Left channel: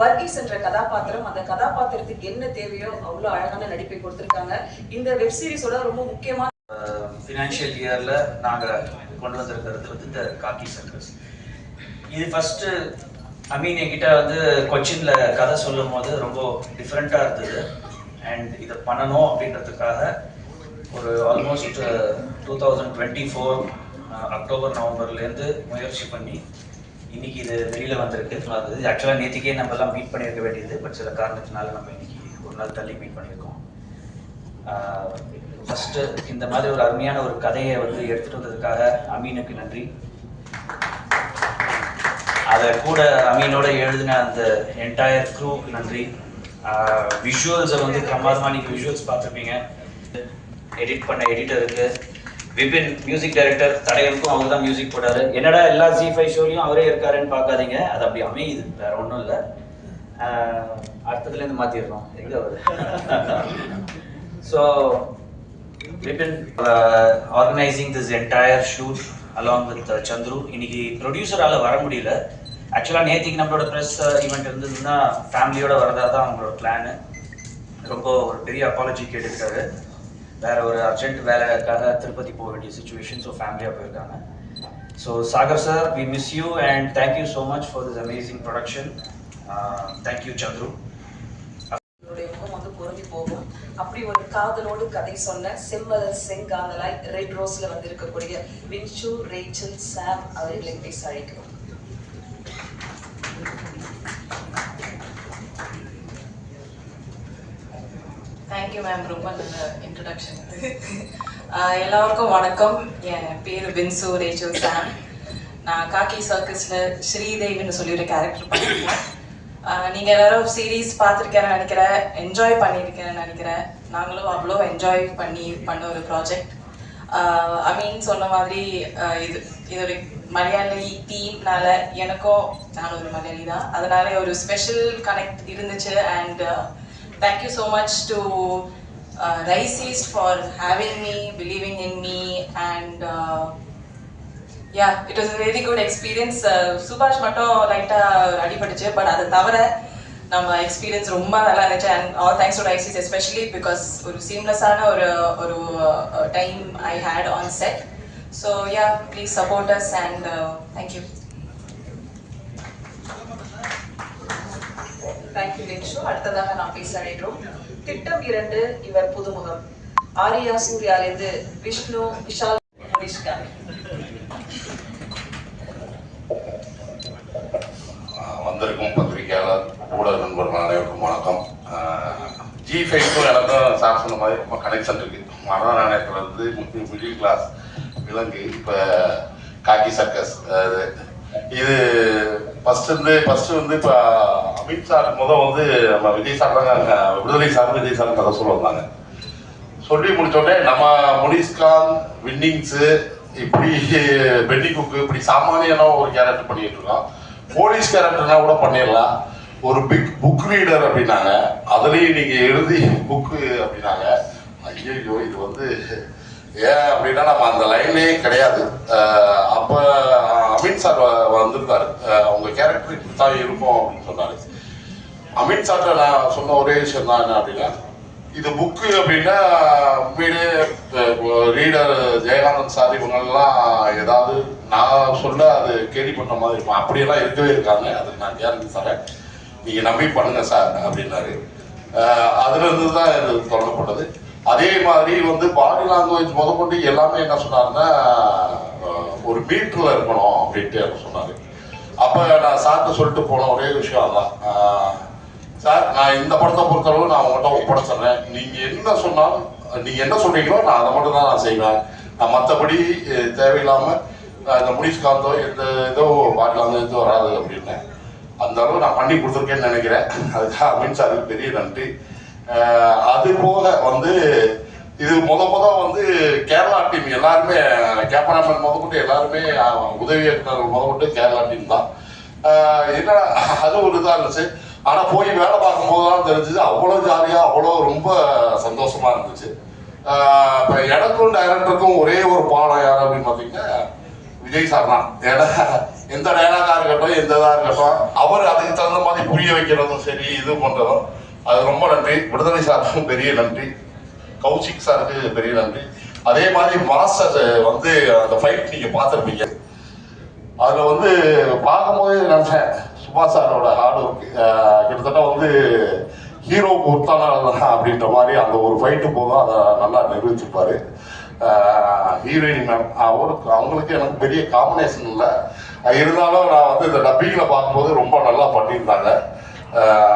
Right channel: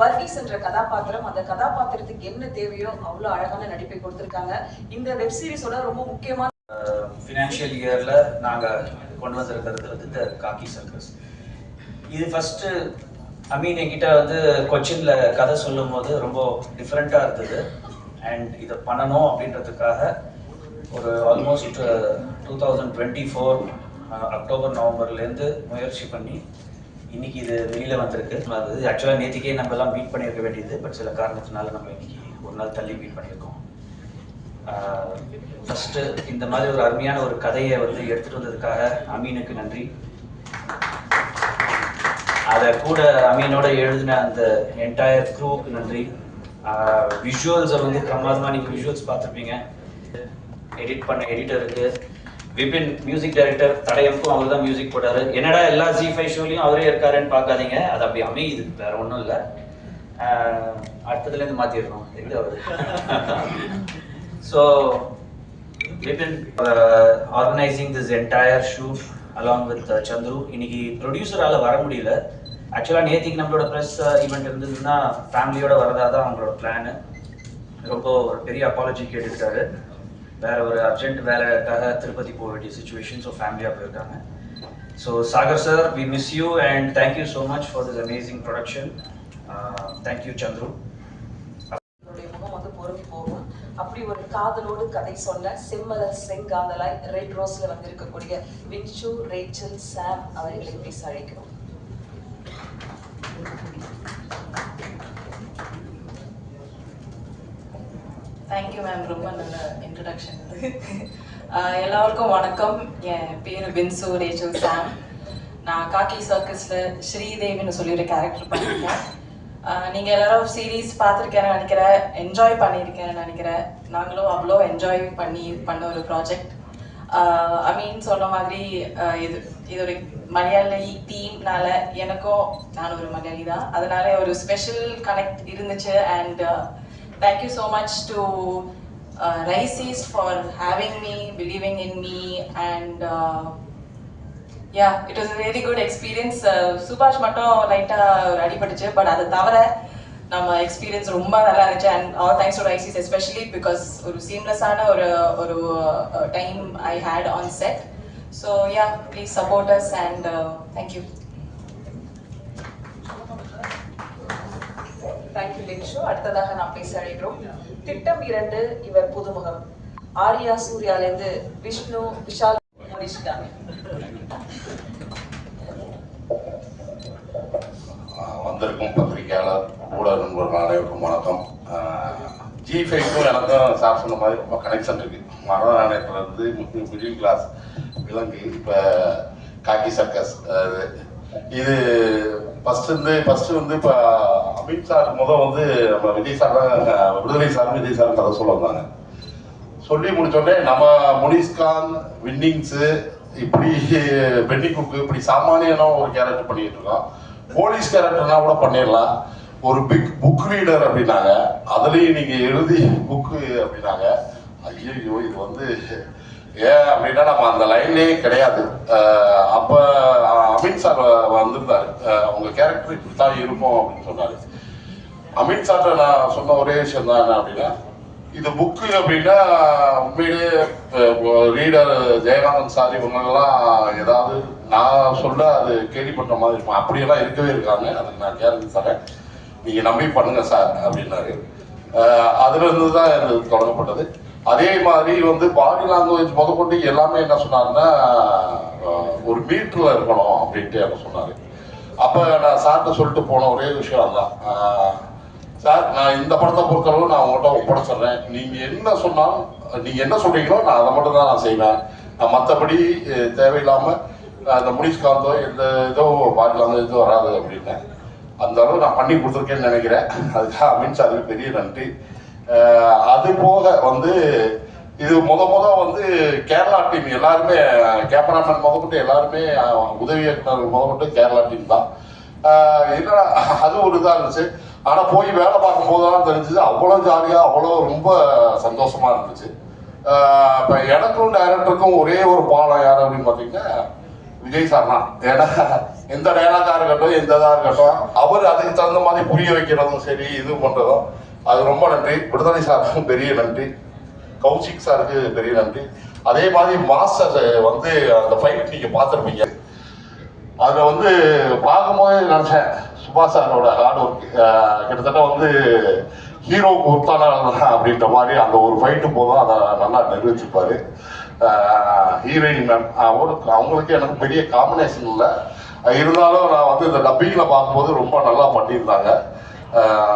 வர்கீஸ் என்ற கதாபாத்திரம், அந்த கதாபாத்திரத்துக்கு என்ன தேவையோ அவ்வளோ அழகான நடிப்பை கொடுத்துருக்காங்க. இந்த வெப் சீரிஸோட ரொம்ப முக்கியமான ஃபினான்ஷியல் இயர்ல நாங்கள் கொண்டு வந்திருக்கிறது வந்து காக்கி சர்க்கஸ். இது ஃபர்ஸ்ட்டு அமீன் என்கிட்ட வந்து கொச்சின்ல கதை சொல்லும் போது ரொம்ப டிஃப்ரெண்ட்டாக இருந்தது. அண்ட் இதை பண்ணணும் அப்படின்றதுக்காக ஒரு ஆல்மோஸ்ட் 2024 அக்டோபர் நவம்பர்லேருந்து முயற்சி பண்ணி இன்னைக்கு இது வெளியில் வந்திருக்கு. அது ஆக்சுவலாக நேற்றுக்கே நம்மலாம் மீட் பண்ணியிருக்க வேண்டியது, பட் சில காரணத்தினால நம்ம இன்னைக்கு ஒரு நாள் தள்ளி மீட் பண்ணியிருக்கோம். ஃபஸ்ட்டு இந்த மாதிரி ஒரு அருமையான ஒரு கதையை வந்து எடுத்துகிட்டு வந்ததுக்காக அமீனுக்கு நன்றி. அதை கூட அமீனோட எழுதின அந்த என்டையர் க்ரூ நன்றி. விஷுவல்ஸை வந்து பிரமாதமாக நீங்கள் விஷுவல்ஸ் பார்த்துருப்பீங்க. எடிட் பண்ண எடிட்டருக்கு, விபின் மியூசிக் டைரக்டர், தடையமுக்கும் அவர் தான் மியூசிக் போட்டார். என்னடா எல்லா Zee5 ஷோலையும் அவரே இருக்காருன்னு பார்க்காதீங்க, அது அப்படி அமையுது, வேற ஒன்றும் இல்லை. அடுத்ததுலேருந்து மாற்றிடணும் எங்கே வருது. So Vipin organising this entire shoot along with Chandru. இன்னைக்கு ப்ரொடியூசரால் வர முடியல. ஆக்சுவலாக நேற்றுக்கு நம்மளோட ப்ரெஸ் ஈவெண்ட் இருந்ததுன்னா ஃபேமிலியோட வரதா தான் அவங்களோட பிளானு. ரொம்ப ஒரு பெரிய அப்பாலஜி கேட்டுக்கிட்டாரு. வேற ஒரு அர்ஜென்ட் வேலைக்காக திருப்பதி போக வேண்டிய சுச்சுவேஷன், ஸோ ஃபேமிலியாக போயிருக்காங்க. So Sagar sir, we miss you and thank you so much for this amazing production. Thank you Chandru. முகம் வந்து பொருந்தி போகும். அப்படி ஒரு காதலோடு கதை சொன்ன செம்மலர் செங்காந்தலாய் ரெட் ரோஸ்ல வந்து இருக்கக்கூடிய வின்சு, ரேச்சல், சாம் அவர்களை பேச அழைக்கிறோம். தேங்க்யூ மேம், ரொம்ப நல்ல இன்ட்ரடக்ஷன். எல்லாருக்கும் வணக்கம். என் பேர் வின்சு, ரேச்சல், சாம். நான் காக்கி சர்க்கஸில் ஸ்ரீதேவின்னு சொல்லி ஒரு கேரக்டர் பண்ணியிருக்கேன். நீங்கள் எல்லாரும் சீரீஸ் பார்த்துருக்கேன்னு நினைக்கிறேன், என்ஜாய் பண்ணியிருக்கேன்னு நினைக்கிறேன். நாங்களும் அவ்வளோ என்ஜாய் பண்ண ஒரு ப்ராஜெக்ட். அமீன் சொன்ன மாதிரி இது ஒரு மலையாளி தீம்னால எனக்கும், நான் ஒரு மலையாளி தான், அதனால ஒரு ஸ்பெஷல் கனெக்ட் இருந்துச்சு. And thank you so much to Rice East for having me, believing in me, and yeah, it was a really good experience. Subhash mattum light adipadichu, but adu thavara நம்ம experience ரொம்ப நல்லா இருந்துச்சு. And all thanks to Rice East, especially because ஒரு சீம்லெஸ்ஸான ஒரு time I had on set. So yeah, please support us and thank you. Thank you Vinsu. அடுத்ததாக நாம் பேச அழைக்கிறோம் திட்டம் 2 இவர் புதுமுகம். ஆரியா சூர்யாலேருந்து விஷ்ணு, விஷால், நிஷ்காந்த். வந்திருக்கும் பத்திரிகையாளர், ஊடக நண்பர்கள் அனைவருக்கும் வணக்கம். Zee5க்கும் எனக்கும் சார் சொன்ன மாதிரி ரொம்ப கனெக்ஷன் இருக்கு. மனநாயகத்துலேருந்து மிடில் கிளாஸ் விலங்கு, இப்போ காக்கி சர்க்கஸ். இது ஃபர்ஸ்ட் வந்து இப்போ அமித் சார் வந்து நம்ம விஜய் சார் தான், விடுதலை சார் விஜய் சார் கதை சொல்ல வந்தாங்க. சொல்லி முடிச்சோடனே நம்ம முனிஸ்கான், வின்னிங்ஸு, இப்படி பென்னி குக்கு, இப்படி சாமானியான ஒரு கேரக்டர் பண்ணிட்டு இருக்கோம். போலீஸ் கேரக்டர்னா கூட பண்ணிடலாம். ஒரு பிக் புக் ரீடர் அப்படின்னாங்க, அதுலேயும் நீங்கள் எழுதி புக்கு அப்படின்னாங்க. ஐயோ, இது வந்து ஏன் அப்படின்னா நம்ம அந்த லைன்லே கிடையாது. அப்போ அமித் சார் வந்திருந்தார், அவங்க கேரக்டர் இப்படி தான் இருக்கும் அப்படின்னு சொன்னார். அமித் சார்ட்ட நான் சொன்ன ஒரே விஷயம் தான் என்ன அப்படின்னா, இது புக்கு அப்படின்னா உண்மையிலே ரீடர் ஜெயகாந்தன் சார் இவங்கெல்லாம் ஏதாவது நான் சொல்ல அது கேள்விப்பட்ட மாதிரி இருக்கும். அப்படியெல்லாம் இருக்கவே இருக்காங்க, அதுக்கு நான் கேரண்டி தரேன், நீங்கள் நம்பி பண்ணுங்க சார் அப்படின்னாரு. அதுலேருந்து தான் இது தொடங்கப்பட்டது. அதே மாதிரி வந்து பாடி லாங்குவேஜ் முதற்கொண்டு எல்லாமே என்ன சொன்னாருன்னா, ஒரு மீட்டரில் இருக்கணும் அப்படின்ட்டு அவர் சொன்னார். அப்போ நான் சார்ட்ட சொல்லிட்டு போன ஒரே விஷயம் தான், சார் நான் இந்த படத்தை பொறுத்தளவு நான் உங்கள்கிட்ட ஒப்படைச்சிட்றேன், நீங்கள் என்ன சொன்னாலும், நீங்கள் என்ன சொல்கிறீங்களோ நான் அதை மட்டும் தான் நான் செய்வேன். நான் மற்றபடி தேவையில்லாமல் இந்த முனிஸ்காந்தோ எந்த ஏதோ பாடி லாங்குவேஜ் வராது அப்படின்னேன். அந்த அளவு நான் பண்ணி கொடுத்துருக்கேன்னு நினைக்கிறேன். அதுக்காக அமித் சாருக்கு பெரிய நன்றி. அது போக வந்து இது வந்து கேரளா டீம் எல்லாருமே, கேமராமேன் முதற்கொண்டு எல்லாருமே, உதவி இயக்குனர் முதற்கொண்டு கேரளா டீம் தான். என்ன அது ஒரு இதாக இருந்துச்சு. ஆனால் போய் வேலை பார்க்கும்போது தான் தெரிஞ்சுது, அவ்வளோ ஜாலியாக, அவ்வளோ ரொம்ப சந்தோஷமாக இருந்துச்சு. இப்போ எனக்கும் டைரக்டருக்கும் ஒரே ஒரு பாடம் யார் அப்படின்னு பார்த்தீங்கன்னா, விஜய் சார் தான். ஏன்னா எந்த டைலாக்காக இருக்கட்டும், எந்த இதாக இருக்கட்டும், அவர் அதுக்கு தகுந்த மாதிரி புரிய வைக்கிறதும் சரி, இது பண்ணுறதும், அது ரொம்ப நன்றி. விடுதலை சாருக்கும் பெரிய நன்றி, கௌஷிக் சாருக்கு பெரிய நன்றி. அதே மாதிரி மாஸ்டர் வந்து அந்த ஃபைட் நீங்கள் பார்த்துருப்பீங்க. அதில் வந்து பார்க்கும்போது நினச்சேன், சுபாஷ் சாரோட ஹார்ட் ஒர்க் கிட்டத்தட்ட வந்து ஹீரோவுக்கு ஒருத்தான அப்படின்ற மாதிரி அந்த ஒரு ஃபைட்டு போதும் அதை நல்லா நிரூபிச்சிருப்பாரு. ஹீரோயின் மேம் அவங்களுக்கு எனக்கு பெரிய காம்பினேஷன் இல்லை, இருந்தாலும் நான் வந்து இந்த டப்பிங்கில் பார்க்கும்போது ரொம்ப நல்லா பண்ணியிருந்தாங்க.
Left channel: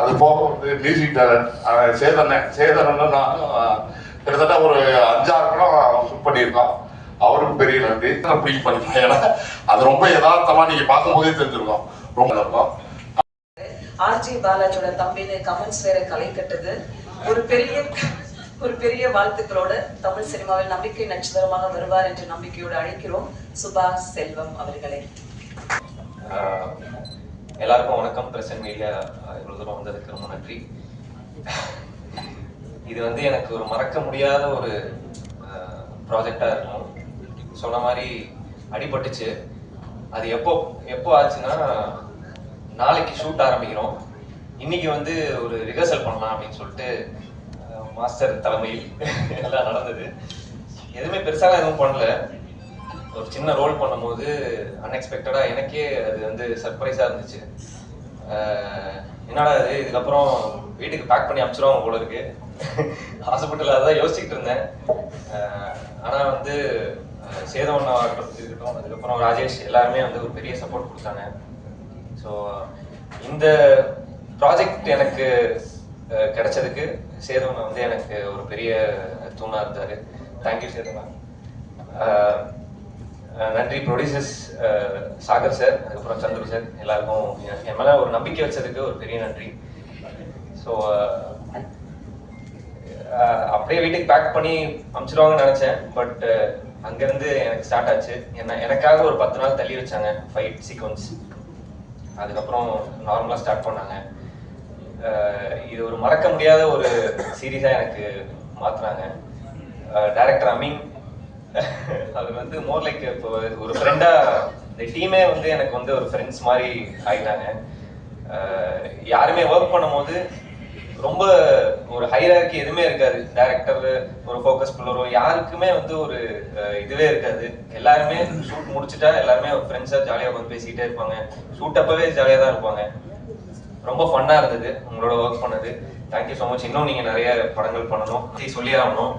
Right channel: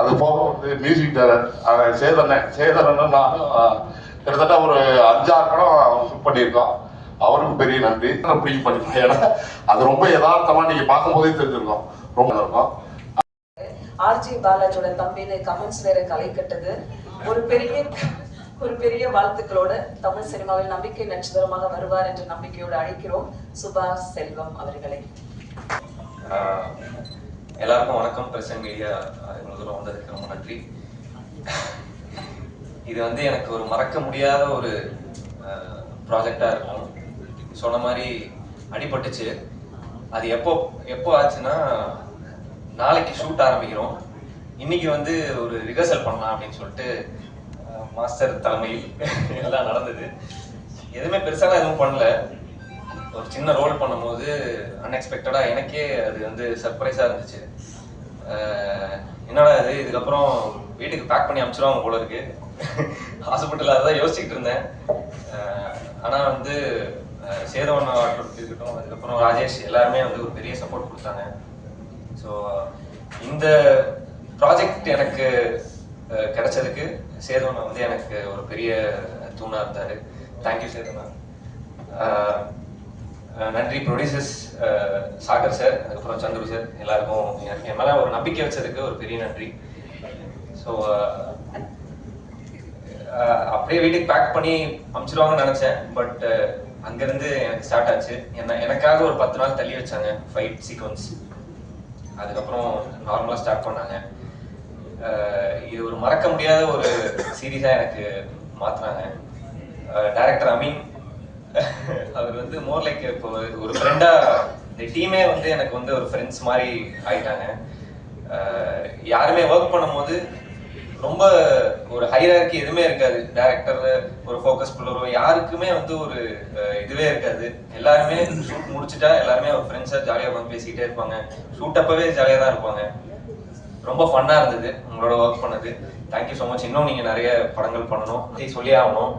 அது போக மியூசிக் டைரக்டர் சேதனன்னு நான் கிட்டத்தட்ட ஒரு 5-6 படம் ஷூட் பண்ணியிருக்கோம். அவருக்கும் பெரிய நன்றி. நான் ஃபீல் பண்ணிட்டேன், ஏன்னா அது ரொம்ப யதார்த்தமாக நீங்கள் பார்க்கும்போதே தெரிஞ்சிருக்கோம். ரொம்ப இருக்கும். ஆர்ஜி பாலாஜோட தம்பின்னு கமெண்ட்ஸ் வேற களை கட்டுது. ஒரு பெரிய வாழ்த்துக்களோட தமிழ் சினிமாவில் நம்பிக்கை நட்சத்திரமாக வருவார் என்ற நம்பிக்கையோடு அழைக்கிறோம் சுபாஷ் செல்வம் அவர்களை. எல்லாருக்கும் வணக்கம். பிரசன்ட் மீடியா இவ்வளவு தூரம் வந்ததுக்கு ரொம்ப நன்றி. இது வந்து எனக்கு ஒரு மறக்க முடியாத ஒரு ப்ராஜெக்டா இருக்கும். சொன்ன மாதிரி அடிபட்டுச்சு. அது எப்போ ஆச்சுன்னா, நாளைக்கு ஷூட் ஆரம்பிக்கிறோம், இன்னைக்கு வந்து ஒரு ரிஹர்சல் பண்ணலாம் அப்படின்னு சொல்லிட்டு மாஸ்டர் தலைமையில் எல்லாம் நடந்தது. எதுவுமே பெருசாக எதுவும் பண்ணல. ஒரு சின்ன ரோல் பண்ணும்போது அன்எக்ஸ்பெக்டடாக எனக்கே அது வந்து சர்ப்ரைஸாக இருந்துச்சு. என்னடா இது, இதுக்கப்புறம் வீட்டுக்கு பேக் பண்ணி அனுப்பிச்சிடுவாங்க போல இருக்கு. ஹாஸ்பிட்டலில் அதான் யோசிச்சுக்கிட்டு இருந்தேன். ஆனால் வந்து சேதவன் இருக்கட்டும், அதுக்கப்புறம் ராஜேஷ் எல்லாருமே வந்து ஒரு பெரிய சப்போர்ட் கொடுத்தாங்க. ஸோ இந்த ப்ராஜெக்ட் எனக்கு கிடைச்சதுக்கு சேதவன் வந்து எனக்கு ஒரு பெரிய தூணாக இருந்தார். தேங்க்யூ சேதவன். நன்றி ப்ரொடியூசர்ஸ் சாகர் சார், அதுக்கப்புறம் சந்துரு சார், எல்லாருக்கும் என் மேலே ஒரு நம்பிக்கை வச்சதுக்கு ஒரு பெரிய நன்றி. ஸோ அப்படியே வீட்டுக்கு பேக் பண்ணி அனுப்பிச்சிடுவாங்கன்னு நினச்சேன். பட் அங்கேருந்து எனக்கு ஸ்டார்ட் ஆச்சு. எனக்காக ஒரு 10 நாள் தள்ளி வச்சாங்க ஃபைட் சீக்வன்ஸ். அதுக்கப்புறம் நார்மலாக ஸ்டார்ட் பண்ணாங்க. இது ஒரு மறக்க முடியாத ஒரு சீரீஸாக எனக்கு மாற்றுறாங்க. டைரக்டர் அமீன் அவர் வந்து மோர் லைக் இப்போ ஒரு ஃப்ரெண்டாக, இந்த டீமே வந்து எனக்கு வந்து ஒரு ஃப்ரெண்ட்ஸ் மாதிரி ஆகிட்டாங்க. யாருமே ஒர்க் பண்ணும்போது ரொம்ப ஒரு ஹைரார்கி எதுவுமே இருக்காது. டைரக்டர் ஒரு ஃபோக்கஸ் புல்லரோ யாருக்குமே வந்து ஒரு இதுவே இருக்காது. எல்லாருமே ஷூட் முடிச்சுட்டா எல்லாருமே ஒரு ஃப்ரெண்ட்ஸாக ஜாலியாக வந்து பேசிக்கிட்டே இருப்பாங்க. ஷூட் அப்பவே ஜாலியாக தான் இருப்பாங்க. ரொம்ப ஃபன்னாக இருந்தது உங்களோட ஒர்க் பண்ணது. Thank you so much. இன்னும் நீங்கள் நிறைய படங்கள் பண்ணணும், சொல்லி ஆகணும்.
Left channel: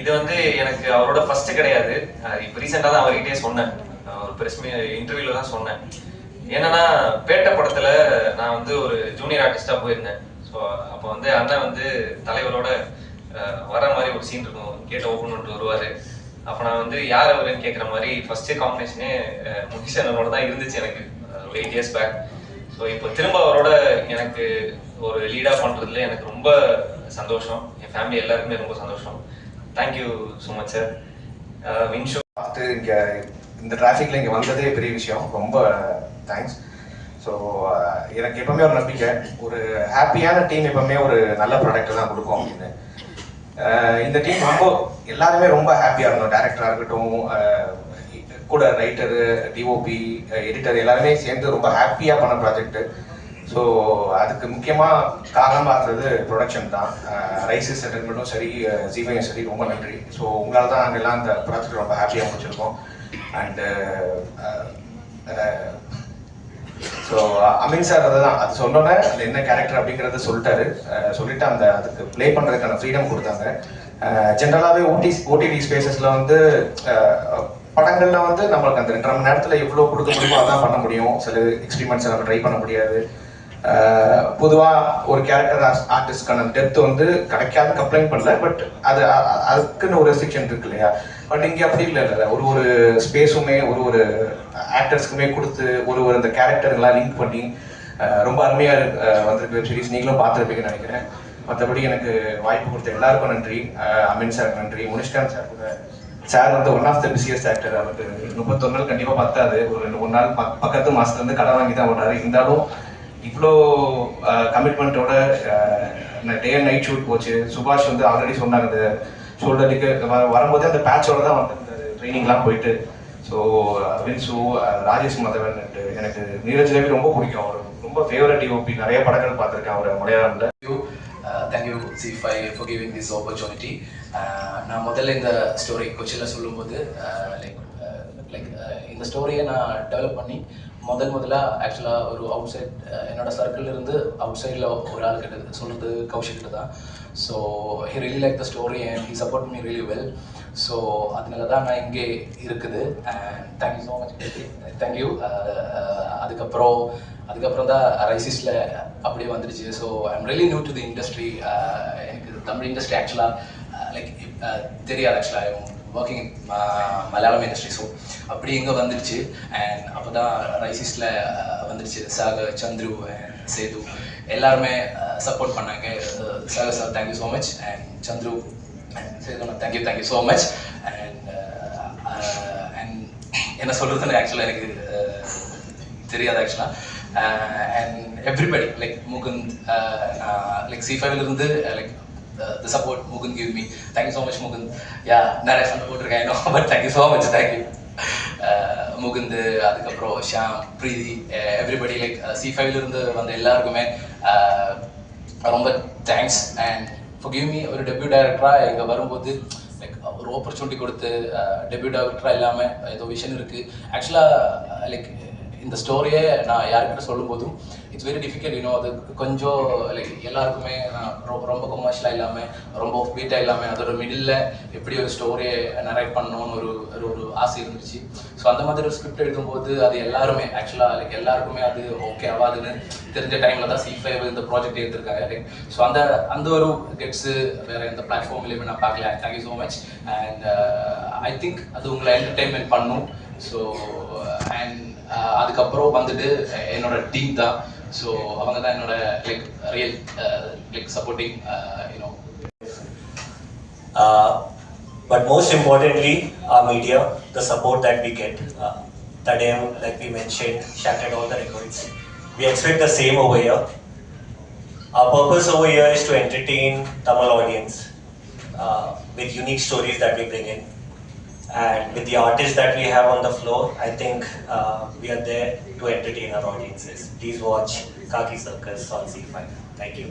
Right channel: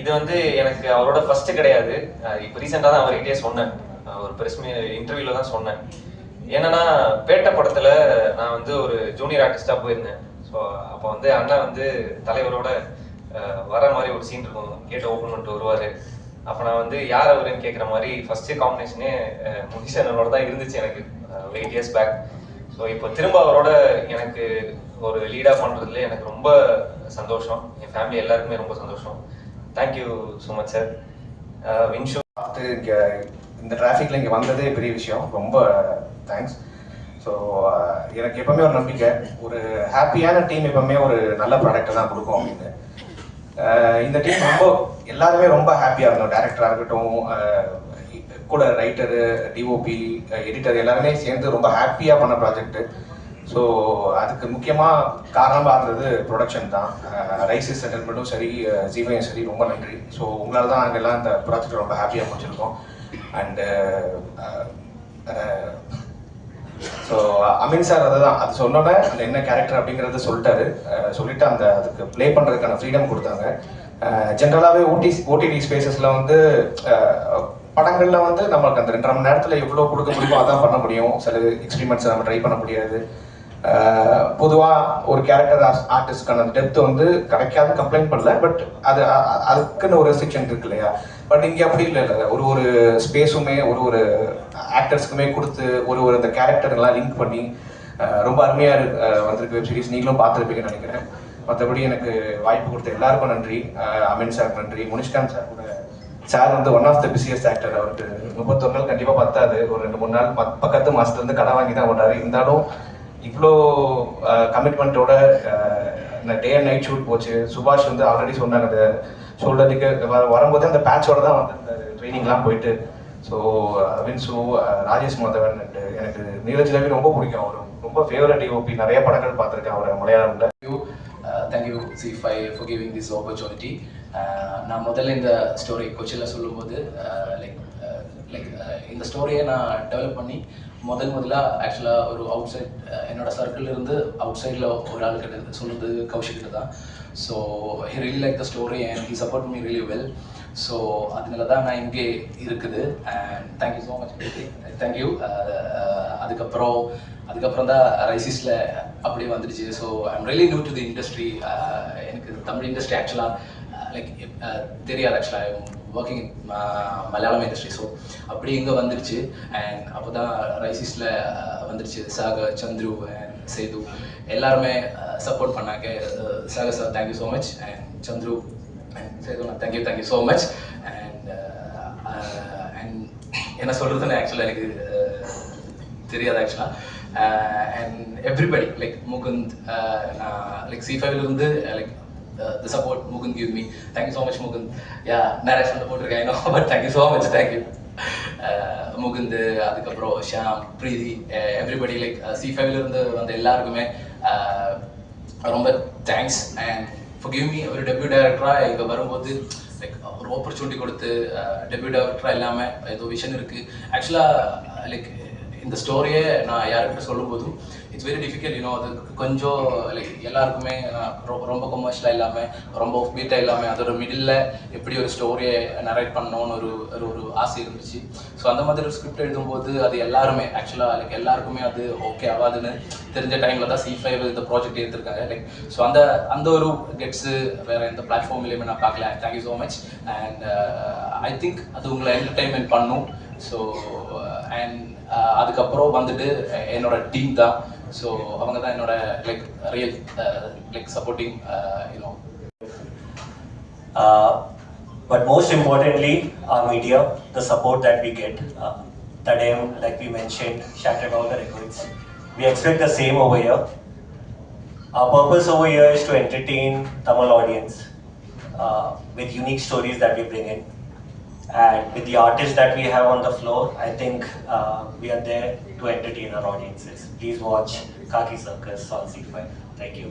இது வந்து எனக்கு அவரோட ஃபர்ஸ்ட் கிடையாது. இப்போ ரீசெண்டாக தான் அவர்கிட்டே சொன்னேன், ஒரு ப்ரெஸ் இன்டர்வியூவில் தான் சொன்னேன். என்னன்னா, பேட்ட படத்தில் நான் வந்து ஒரு ஜூனியர் ஆர்டிஸ்டாக போயிருந்தேன். ஸோ அப்போ வந்து அண்ணன் வந்து தலைவரோட வர மாதிரி ஒரு சீன் இருக்கும், கேட்டை ஓப்பன் பண்ணிட்டு வருவார். அப்போ நான் வந்து யார் அவருன்னு கேட்குற மாதிரி ஃபர்ஸ்ட் காம்பினேஷனே முனிஷ் அண்ணனோட தான் இருந்துச்சு எனக்கு ஒரு 8 years பேக். ஸோ இப்போ திரும்ப அவரோட எனக்கு ஒரு லீடாக பண்ணுறதுல எனக்கு ரொம்ப சந்தோஷம். என் ஃபேமிலி எல்லாருக்குமே ரொம்ப சந்தோஷம். Thank you so much sir. வின்ஷு பார்த்து இங்கே இந்த டிராஃபிக்கில் இங்கே வந்ததே பெரிய விஷயம். ரொம்ப தேங்க்ஸ். ஸோ எனக்கு எப்பவுமே ஒரு நம்பிக்கை, ஒரு ஹாப்பியான டீம் எப்பவுமே ஒரு நல்ல ப்ராடக்டை தான் கொடுக்கும் அப்படின்னு. இந்த டீம் ரொம்ப எல்லாருமே ரொம்ப ஹாப்பியாக இருந்தோம். டேரக்டராக இருக்கட்டும், கூட ரைட்டரு, டிஓபி, எடிட்டர் எல்லாருமே சேர்ந்து ரொம்ப ஹாப்பியாக பண்ண ப்ராஜெக்ட்டு. ஸோ அதுக்கு முக்கியமாக காரணமாக இருந்தது ப்ரொடக்ஷன் தான். ரைசிஸ் என்டர்டைன்மெண்ட்டும் சரி, ஜீவையும் சரி, ரொம்ப நன்றி. ஸோ உங்களால் தான் நாங்கள் எல்லாம் அந்த ப்ராஜெக்ட் ரொம்ப ஹாப்பியாக முடிச்சிருக்கோம். அண்டு ஸோ அமீன் சார் அதுதான், அது சொன்னோன்னே அது என்ன கேரக்டர் அப்படிங்கிறத சொல்லிட்டாரு. சொல்லிட்டு அதுக்கு ப்ளே பண்ணுறதுக்கான ஃப்ரீடம் கொடுத்தாங்க. ஜென்ரலாகவே ஓடிடி ஸ்பேசஸில் வந்து படங்களில் வந்து நம்மளுக்கு அந்த 2.5 மணி நேரத்தில் எவ்வளோ கொடுக்க முடியுமோ அதான் பண்ண முடியும். சில எக்ஸ்பெரிமெண்ட்ஸை நம்ம ட்ரை பண்ண முடியாது. பொதுவாக ஒரு கேரக்டர் ஆர்டிஸ்ட்கான டெப்த் வந்து கிடைக்காது கம்ப்ளைண்ட் பண்ணல. பட் அதுக்குன்னு ஒரு ரெஸ்ட்ரிக்ஷன் இருக்கு இல்லையா. பட் இங்கே அப்படி இல்லை. ஒரு ஸ்பேஸுமே ஒரு ஆக்டர்ஸ்க்குமே கொடுத்து ஒரு அந்த கேரக்டர்லாம் லிங்க் பண்ணி ரொம்ப அருமையாக வந்திருக்கு வெப் சீரிஸ். நீங்களும் பார்த்துருப்பீங்கன்னு நினைக்கிறேன். மற்றபடி எனக்கு வாய்ப்பு கொடுத்த எல்லாருக்கும் நன்றி. அமீன் சார் நன்றி. முனிஷ்காந்த் சார் கூட, சார் வந்து one of the busiest actor. அவருக்கு 31 நாள் கண்டிப்பாக பத்தாது. ஒரு 2-3 நாள் பக்கத்து மாதத்துலேருந்து கடை வாங்கி தான் ஓடுறாரு. இருந்தாலும் இவ்வளோ கமிட்மெண்ட்டோட டே அண்ட் நைட் ஷூட் போச்சு. சுபாஷ் வந்து ஆல்ரெடி சொன்னாங்க, அந்த ஷோல்டருக்கு வரும்போது அந்த பேட்சோட தான் வந்து அந்த ட்ரைனிங்லாம் போயிட்டு. ஸோ வின்சு, ராஜேஷ் மாதவன் அண்ட் எனக்கு நீரஜ் ரவி ரொம்ப பிடிக்கும். அவர் ரொம்ப ஃபேவரட் டிஓபி. நிறைய படங்கள் பார்த்துருக்கேன் அவர் மலையாளம்ல. Thank you C5 for giving this opportunity. நான் முதல்ல இந்த ஸ்டோரி கொச்சியில் சொல்லும்போது இந்த ஸ்டோரியை நான் டெவலப் பண்ணி முதல்ல ஆக்சுவலாக ஒரு அவுட் சைட் என்னோட சர்க்கிள் இருந்து அவுட் சைடில் ஒரு ஆள் கிட்ட சொல்கிறது கௌஷிக் கிட்ட தான். So he really like the story and he support me really well. So அதனால தான் நான் இங்கே இருக்குது. And thank you so much. Thank you. அதுக்கப்புறம் தான் ரைசிஸில் அப்படியே வந்துடுச்சு. So I'm really new to the industry. எனக்கு தமிழ் இண்டஸ்ட்ரி ஆக்சுவலாக தெரியாது. ஆக்சுவலாக I working in Malayalam industry. So அப்படி இங்கே வந்துடுச்சு. அண்ட் அப்போ தான் ரைசிஸில் வந்துடுச்சு. சாகர், சந்துரு அண்ட் சேது எல்லாருமே சப்போர்ட் பண்ணாங்க. Sagar sir thank you so much. And Chandru and Sethu thank you so much. And என்ன சொல்கிறதுன்னு ஆக்சுவலாக எனக்கு தெரியாது ஆக்சுவலாக. அண்ட் எவ்ரிபடி முகுந்த், C5 இருந்து the support Mukund give me. Thank you so much Mukund. Yeah, நிறைய சண்டை போட்டிருக்கேன் I know, but thank you so much. Thank you Mukund. அதுக்கப்புறம் ஷாம், பிரீதி, எவ்ரிபடி C5 இருந்து வந்த எல்லாருக்குமே ரொம்ப thanks. And for giving me ஒரு டெபியூ டைரக்டராக இங்கே வரும்போது ஒரு ஆப்பர்ச்சுனிட்டி கொடுத்து டெபியூ டைரக்டராக இல்லாமல் ஏதோ விஷன் இருக்குது. ஆக்சுவலாக இந்த ஸ்டோரியை நான் யாருக்கிட்ட சொல்லும்போதும் இட்ஸ் வெரி டிஃபிகல்ட். அது கொஞ்சம் எல்லாருக்குமே ரொம்ப கமர்ஷியலாக இல்லாமல் ரொம்ப ஆஃப் பீட்டாக இல்லாமல் அதோட மிடில் எப்படி ஒரு ஸ்டோரியை நரேட் பண்ணணும்னு ஒரு ஆசை இருந்துச்சு. ஸோ அந்த மாதிரி ஒரு ஸ்கிரிப்ட் எழுதும்போது அது எல்லாருமே ஆக்சுவலாக எல்லாருக்குமே அது ஓகே ஆகாதுன்னு தெரிஞ்ச டைமில் தான் C5 இந்த ப்ராஜெக்ட் எடுத்திருக்காங்க. ஸோ அந்த ஒரு கெட்ஸு வேறு எந்த பிளாட்ஃபார்ம்லேயுமே நான் பார்க்கல. Thank you so much. And I think அது உங்களை என்டர்டெயின்மெண்ட் பண்ணும். ஸோ அண்ட் அதுக்கப்புறம் வந்துட்டு என்னோட டீம் தான். ஸோ அவங்க தான் என்னோட real supporting But most importantly, our media, the support that we get. Tadayam, like we mentioned, shattered all the records. We expect the same over here. Our purpose over here is to entertain Tamil audience with unique stories that we bring in. And with the artists that we have on the floor, I think we are there to entertain our audiences. Please watch Kaki Circus on C5. Thank you.